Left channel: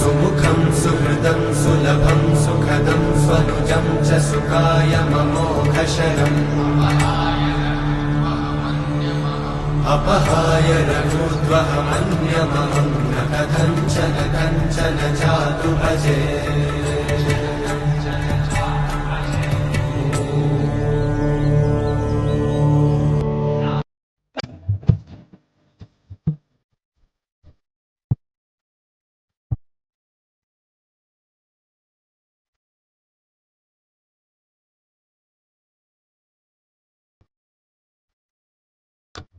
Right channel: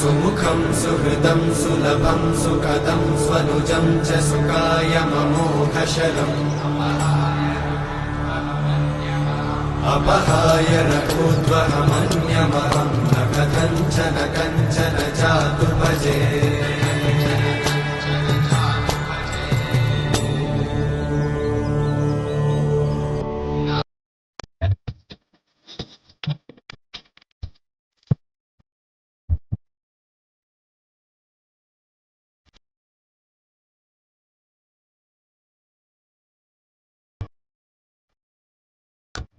सुमुखं सुहृदं सुलभं सुखदं स्वनुजं च सुखाय ममोघशलम्। अपहाय रघुद्वहमन्यमहं न कथञ्चन कञ्चन जातु भजे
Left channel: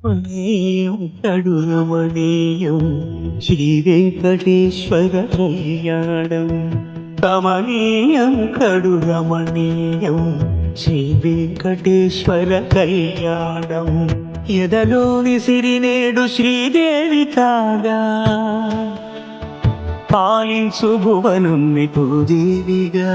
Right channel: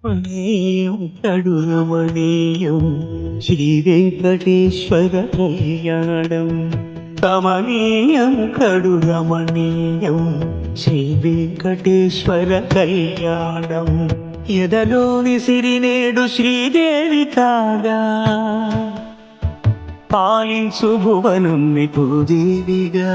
రమణీయం కడు శ్రీ వెంకటేశ్వర కళ్యాణం రమణీయం కడు రమణీయం శ్రీ వెంకటేశ్వర కళ్యాణం ఎదలోని సిరినేడు శ్రీదేవి కాగా పాలించు భువనం దేవిగా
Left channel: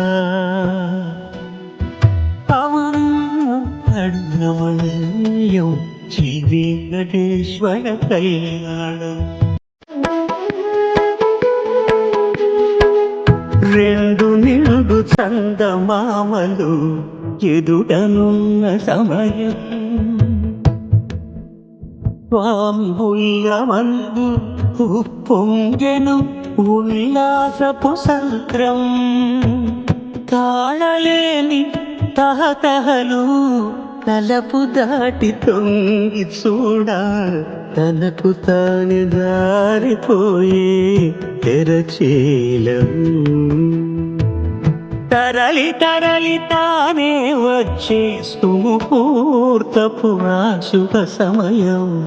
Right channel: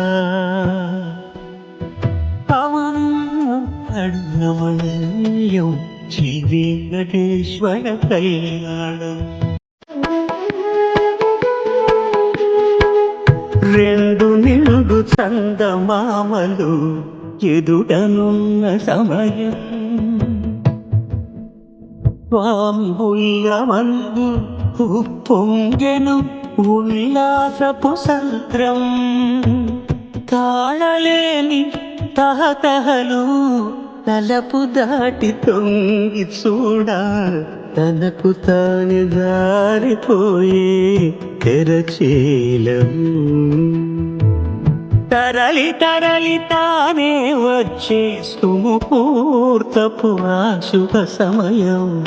రమణీయం శ్రీ వెంకటేశ్వర కళ్యాణం రెండు నిండు చందమామలు ఎదుటనున్న సమయం. స్వామి ఉప్పొంగెను ఉల్లాసపు సంత్రం తాళలేని తహతహలు తలపు దాటి తొంగి చూడ తనకు తాను దారిపోయే తెరచీలం. తరలి తరలి తానే వచ్చే సుముహూర్తపు ఆ శుభ సమయం.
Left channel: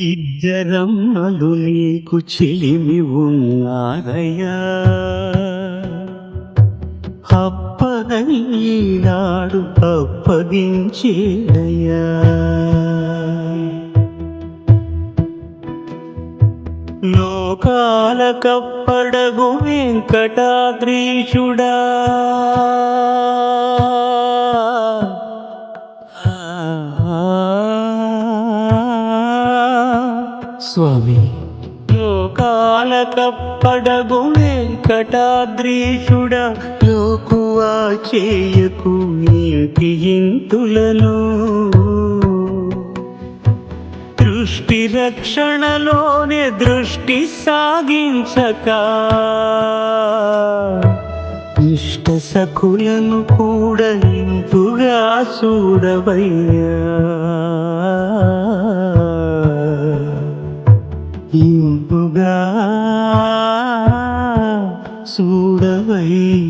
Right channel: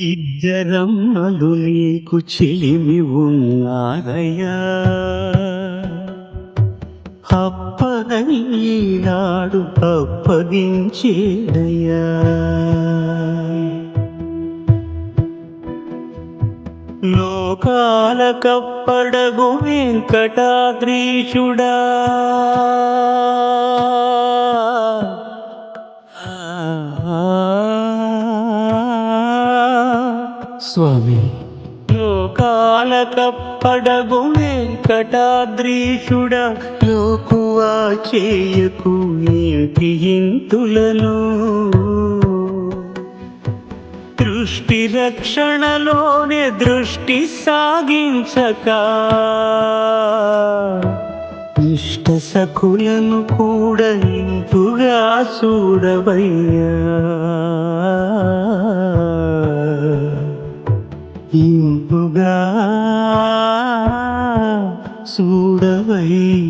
ఇద్దరమ్మలు నీకు చిలిమి ఉన్నారయ్యా. అప్పగైనాడు అప్పగించేడయ్యా లోకాల కప్పడగు వెంకటాద్రీషుడా. స్వామి. లోకాల కప్పడగు వెంకటాద్రీషుడ లోకువా చేయకు ఏంటి ఇంతులను. దృష్టి రక్షణలోనే దృష్టి సాగించక ఇష్ట సఖులను కూడా ఇంపుగా చూడవయ్యా. చూడవయ్యా